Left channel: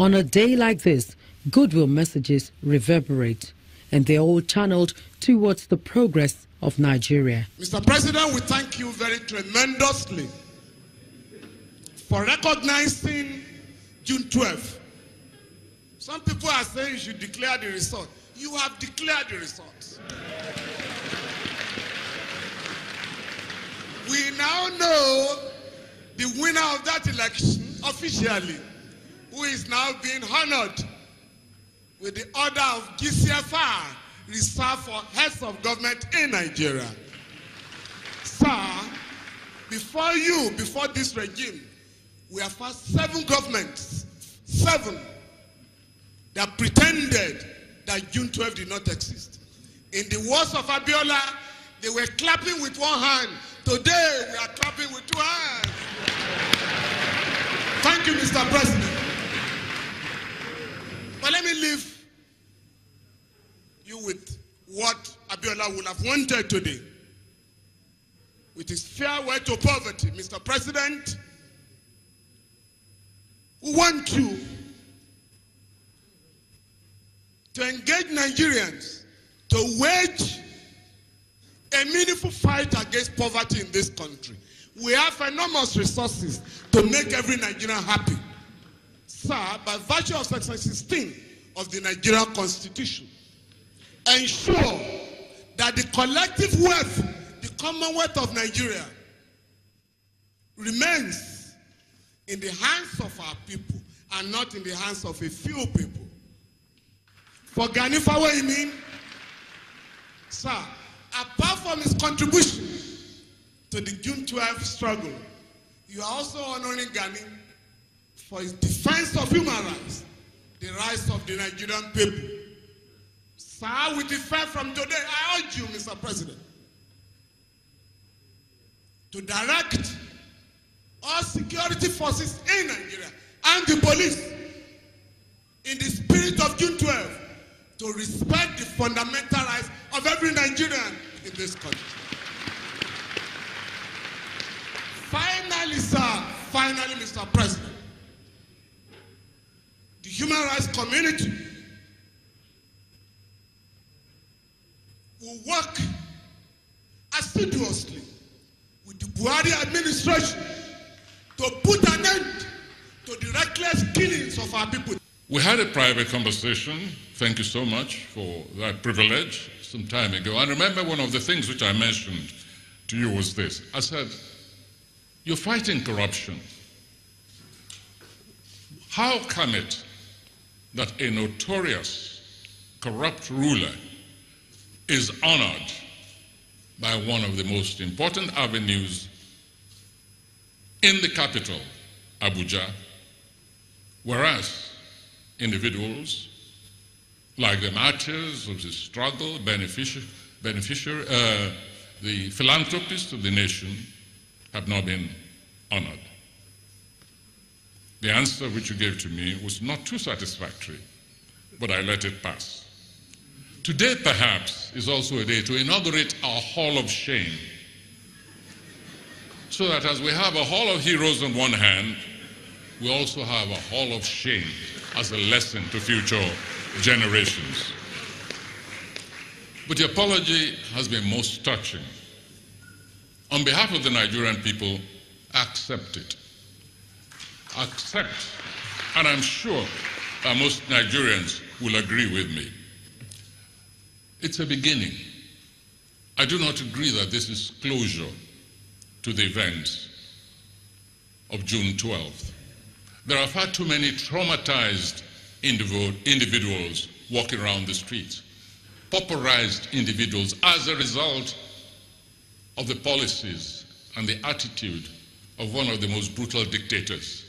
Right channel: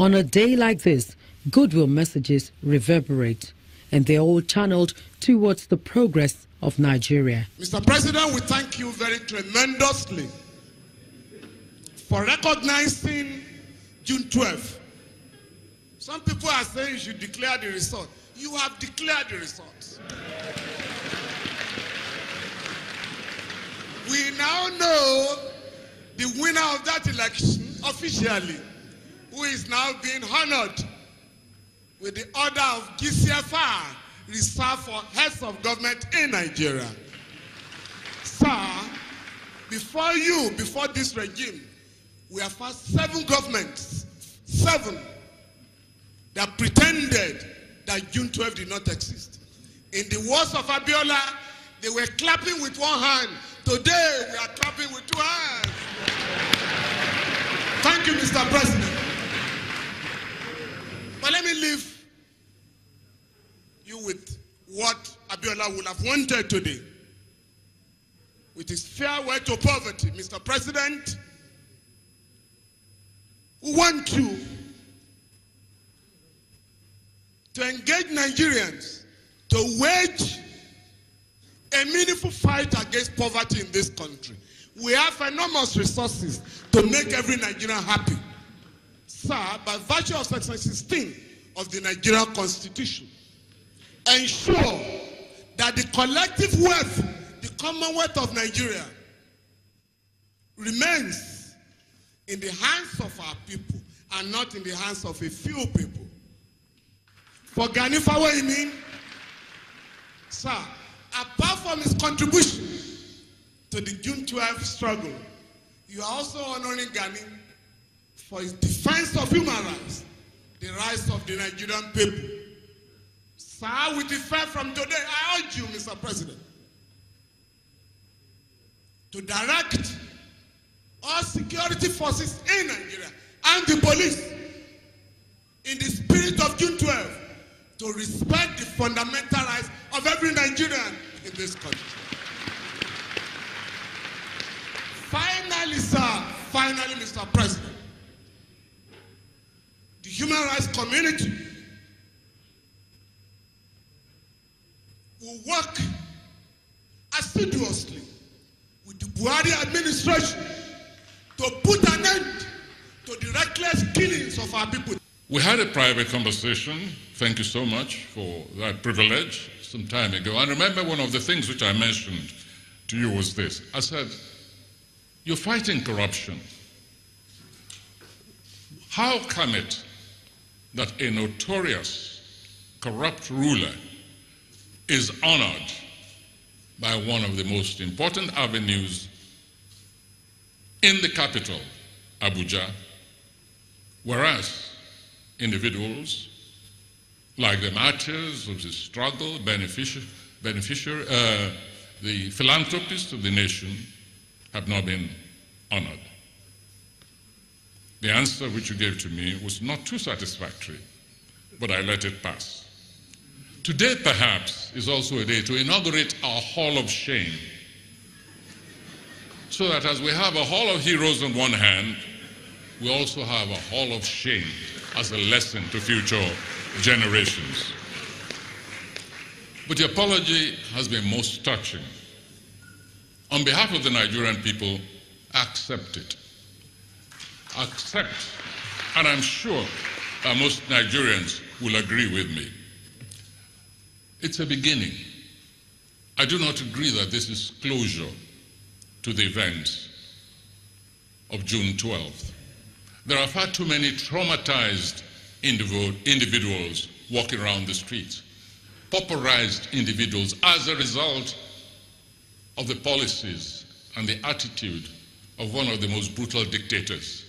On a day like this, goodwill messages reverberate, and they're all channeled towards the progress of Nigeria. Mr. President, we thank you very tremendously for recognizing June 12th. Some people are saying you should declare the result. You have declared the results. We now know the winner of that election officially, who is now being honored with the order of GCFR, reserved for heads of government in Nigeria. Sir, before this regime, we have had 7 governments, 7, that pretended that June 12 did not exist. In the words of Abiola, they were clapping with one hand. Today, we are clapping with 2 hands. Thank you, Mr. President. But let me leave you with what Abiola would have wanted today. With his farewell to poverty, Mr. President, we want you to engage Nigerians to wage a meaningful fight against poverty in this country. We have enormous resources to make every Nigerian happy. Sir, by virtue of Section 16 of the Nigerian Constitution, ensure that the collective wealth, the Commonwealth of Nigeria, remains in the hands of our people and not in the hands of a few people. For Gani Fawehinmi, sir, apart from his contribution to the June 12th struggle, you are also honoring Gani for his defense of human rights, the rights of the Nigerian people. Sir, with effect from today, I urge you, Mr. President, to direct all security forces in Nigeria and the police in the spirit of June 12 to respect the fundamental rights of every Nigerian in this country. Finally, sir, Mr. President, the human rights community will work assiduously with the Buhari administration to put an end to the reckless killings of our people. We had a private conversation, thank you so much for that privilege, some time ago. And remember, one of the things which I mentioned to you was this. I said, you're fighting corruption. How come it that a notorious corrupt ruler is honored by one of the most important avenues in the capital, Abuja, whereas individuals like the martyrs of the struggle, the philanthropists of the nation have not been honored? The answer which you gave to me was not too satisfactory, but I let it pass. Today, perhaps, is also a day to inaugurate our Hall of Shame, so that as we have a Hall of Heroes on one hand, we also have a Hall of Shame as a lesson to future generations. But the apology has been most touching. On behalf of the Nigerian people, accept it. Accept, and I'm sure that most Nigerians will agree with me. It's a beginning. I do not agree that this is closure to the events of June 12th. There are far too many traumatized individuals walking around the streets, pauperized individuals as a result of the policies and the attitude of one of the most brutal dictators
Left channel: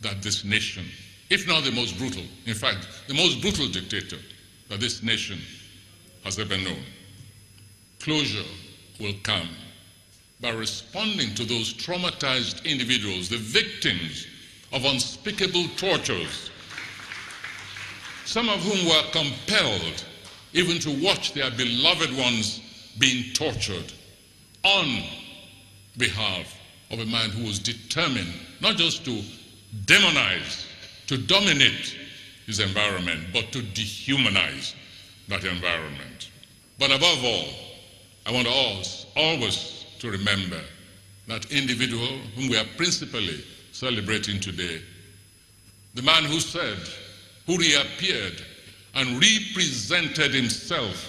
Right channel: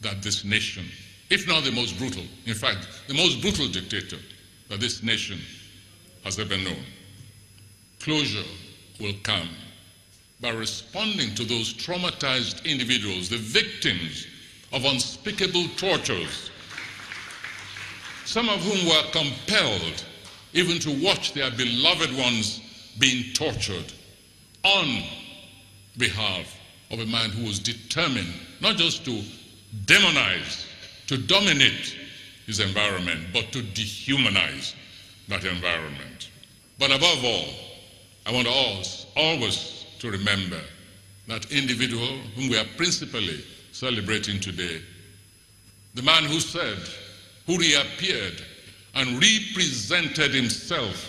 that this nation, if not the most brutal, in fact, the most brutal dictator that this nation has ever known. Closure will come by responding to those traumatized individuals, the victims of unspeakable tortures, some of whom were compelled even to watch their beloved ones being tortured on behalf of a man who was determined not just to demonize, to dominate, his environment, but to dehumanize that environment. But above all, I want us always to remember that individual whom we are principally celebrating today, the man who said, who reappeared and represented himself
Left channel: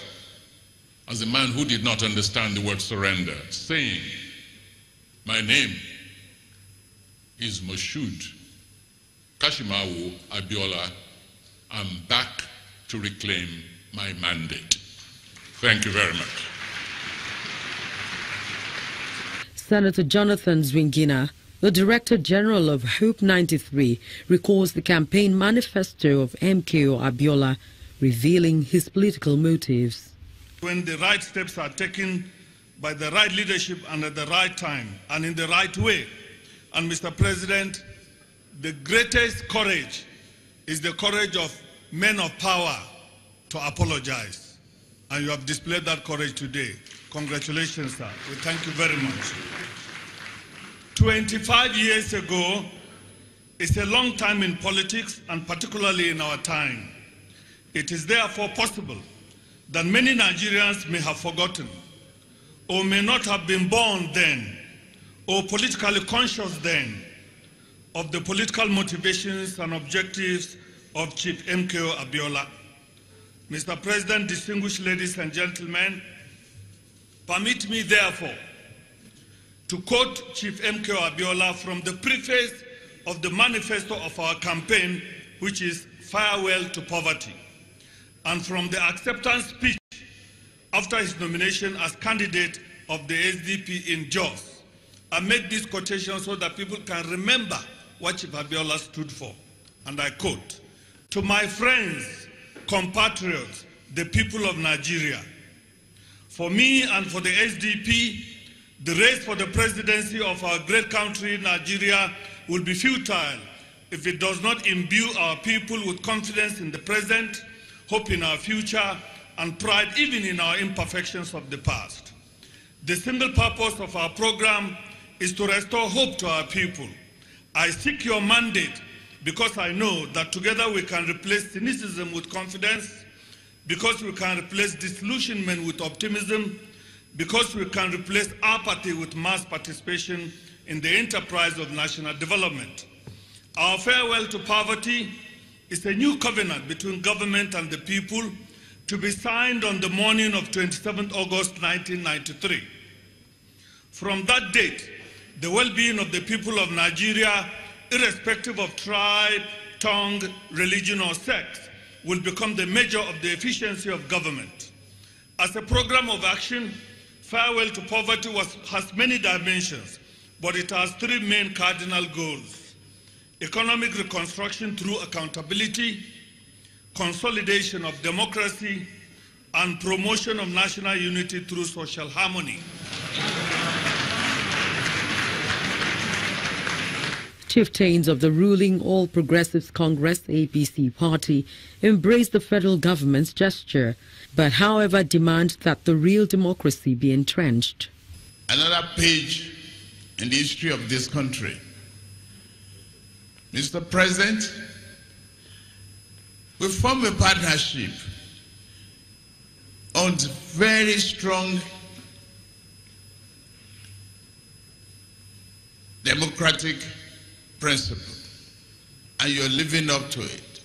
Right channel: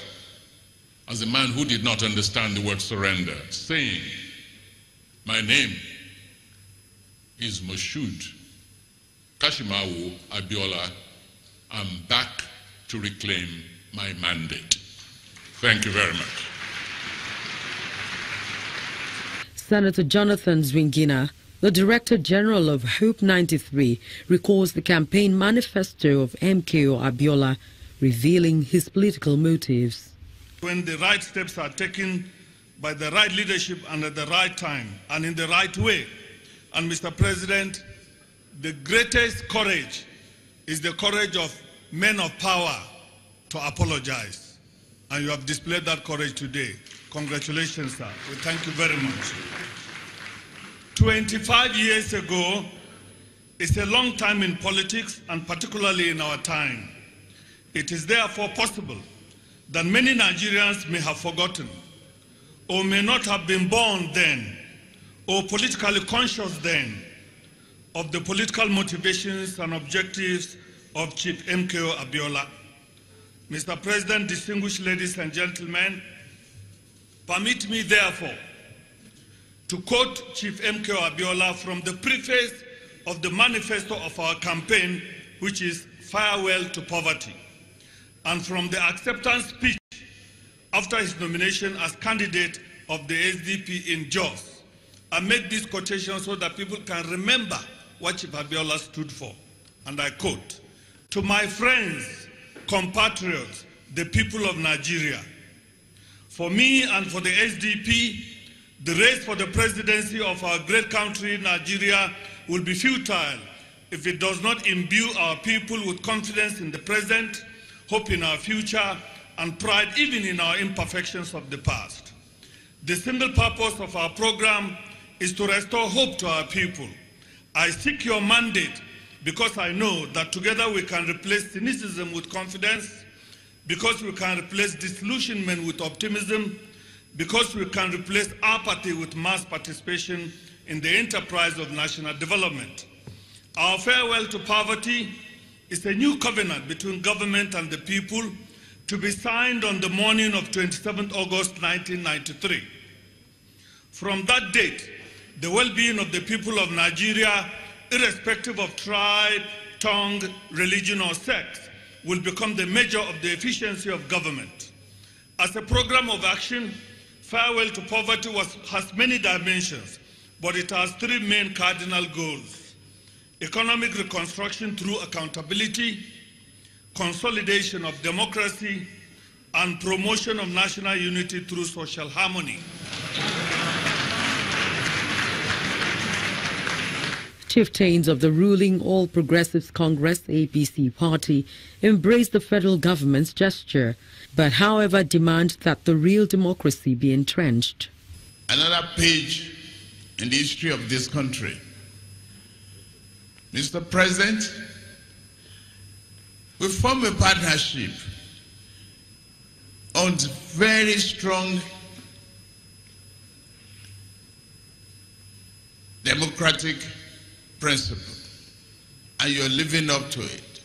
as a man who did not understand the word surrender, saying, "My name is Moshood Kashimawo Abiola. I'm back to reclaim my mandate." Thank you very much. Senator Jonathan Zwingina, the Director General of Hope 93, recalls the campaign manifesto of MKO Abiola, revealing his political motives. When the right steps are taken by the right leadership and at the right time and in the right way. And Mr. President, the greatest courage is the courage of men of power to apologize. And you have displayed that courage today. Congratulations, sir. We thank you very much. 25 years ago is a long time in politics and particularly in our time. It is therefore possible that many Nigerians may have forgotten or may not have been born then or politically conscious then of the political motivations and objectives of Chief MKO Abiola. Mr. President, distinguished ladies and gentlemen, permit me therefore to quote Chief MKO Abiola from the preface of the manifesto of our campaign, which is Farewell to Poverty, and from the acceptance speech after his nomination as candidate of the SDP in Jos. I made this quotation so that people can remember what Chief Abiola stood for. And I quote, "To my friends, compatriots, the people of Nigeria, for me and for the SDP, the race for the presidency of our great country, Nigeria, will be futile if it does not imbue our people with confidence in the present, hope in our future, and pride even in our imperfections of the past. The single purpose of our program is to restore hope to our people. I seek your mandate because I know that together we can replace cynicism with confidence, because we can replace disillusionment with optimism, because we can replace apathy with mass participation in the enterprise of national development. Our farewell to poverty is a new covenant between government and the people to be signed on the morning of 27 August 1993. From that date, the well-being of the people of Nigeria, irrespective of tribe, tongue, religion, or sex, will become the measure of the efficiency of government. As a program of action, Farewell to Poverty has many dimensions, but it has three main cardinal goals: economic reconstruction through accountability, consolidation of democracy, and promotion of national unity through social harmony. Chieftains of the ruling All Progressives Congress APC party embrace the federal government's gesture, but however demand that the real democracy be entrenched. Another page in the history of this country. Mr. President, we form a partnership on very strong democratic principle, and you're living up to it.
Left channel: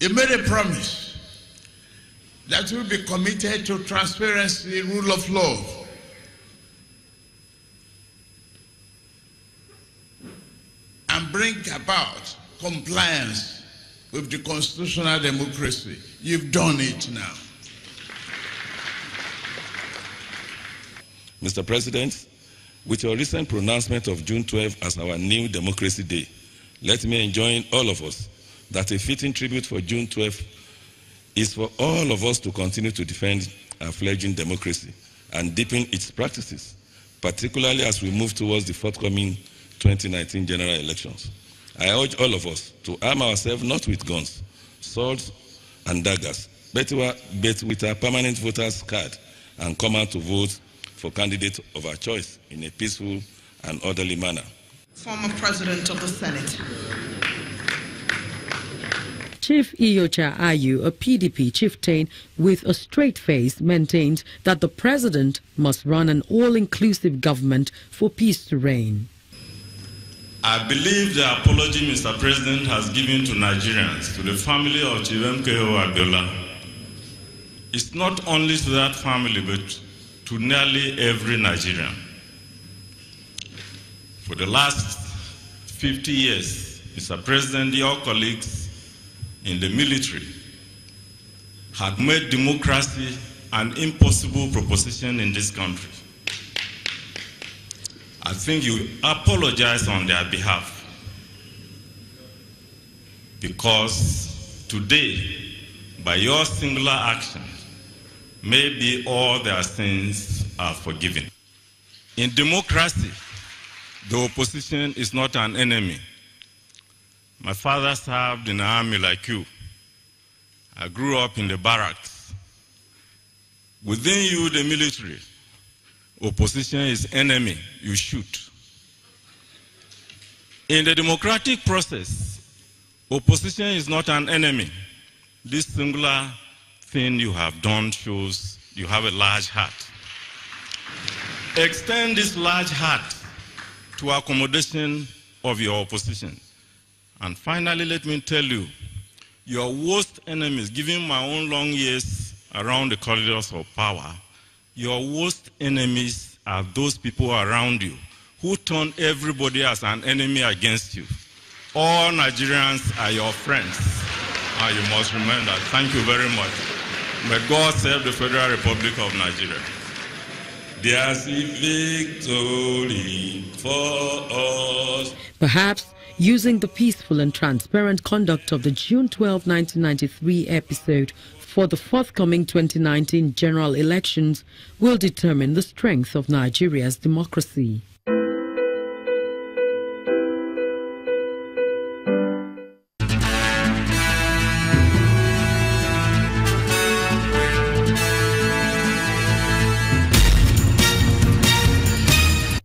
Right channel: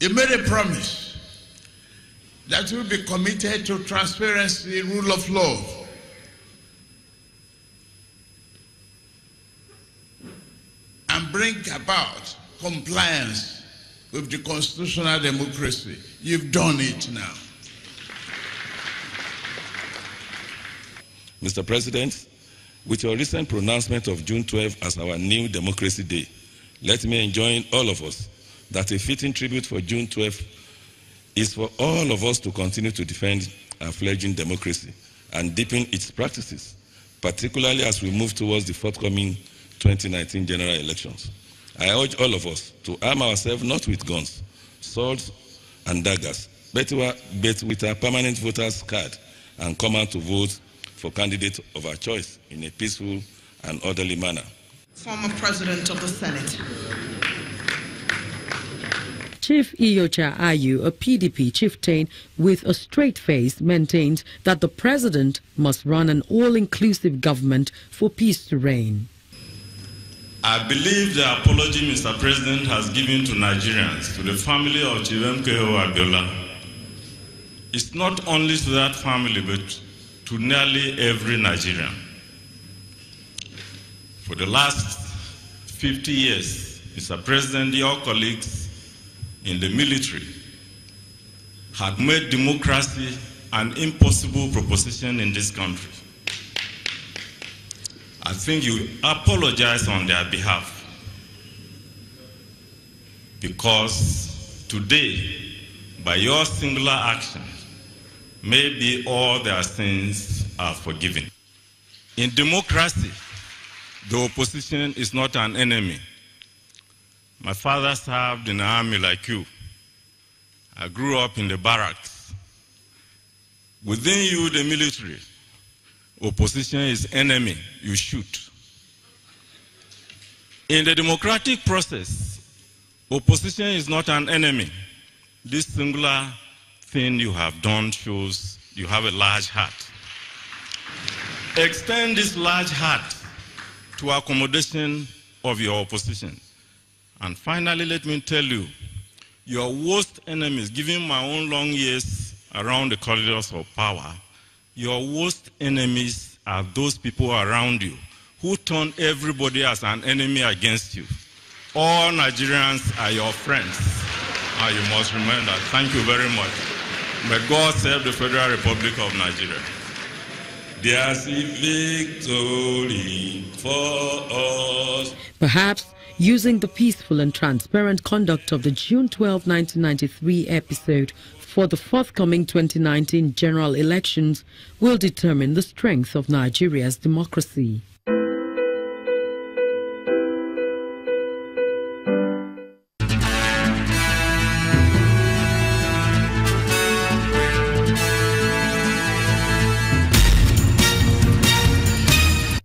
You made a promise that you'll be committed to transparency, rule of law. And bring about compliance with the constitutional democracy. You've done it now. Mr. President, with your recent pronouncement of June 12 as our new Democracy Day, let me enjoin all of us that a fitting tribute for June 12 is for all of us to continue to defend our fledgling democracy and deepen its practices, particularly as we move towards the forthcoming 2019 general elections. I urge all of us to arm ourselves not with guns, swords, and daggers, but with our permanent voters' card and come out to vote for candidate of our choice in a peaceful and orderly manner. Former President of the Senate. Chief Iyocha Ayu, a PDP chieftain with a straight face, maintained that the president must run an all-inclusive government for peace to reign. I believe the apology Mr. President has given to Nigerians, to the family of Chief MKO Abiola, is not only to that family, but to nearly every Nigerian. For the last 50 years, Mr. President, your colleagues in the military have made democracy an impossible proposition in this country. I think you apologize on their behalf, because today, by your singular action, maybe all their sins are forgiven. In democracy, the opposition is not an enemy. My father served in the army like you. I grew up in the barracks. Within you, the military, opposition is enemy, you shoot. In the democratic process, opposition is not an enemy. This singular thing you have done shows you have a large heart. Extend this large heart to accommodation of your opposition. And finally, let me tell you, your worst enemies, given my own long years around the corridors of power, your worst enemies are those people around you who turn everybody as an enemy against you. All Nigerians are your friends, and you must remember that. Thank you very much. May God save the Federal Republic of Nigeria. There's a victory for us. Perhaps using the peaceful and transparent conduct of the June 12, 1993 episode for the forthcoming 2019 general elections will determine the strength of Nigeria's democracy.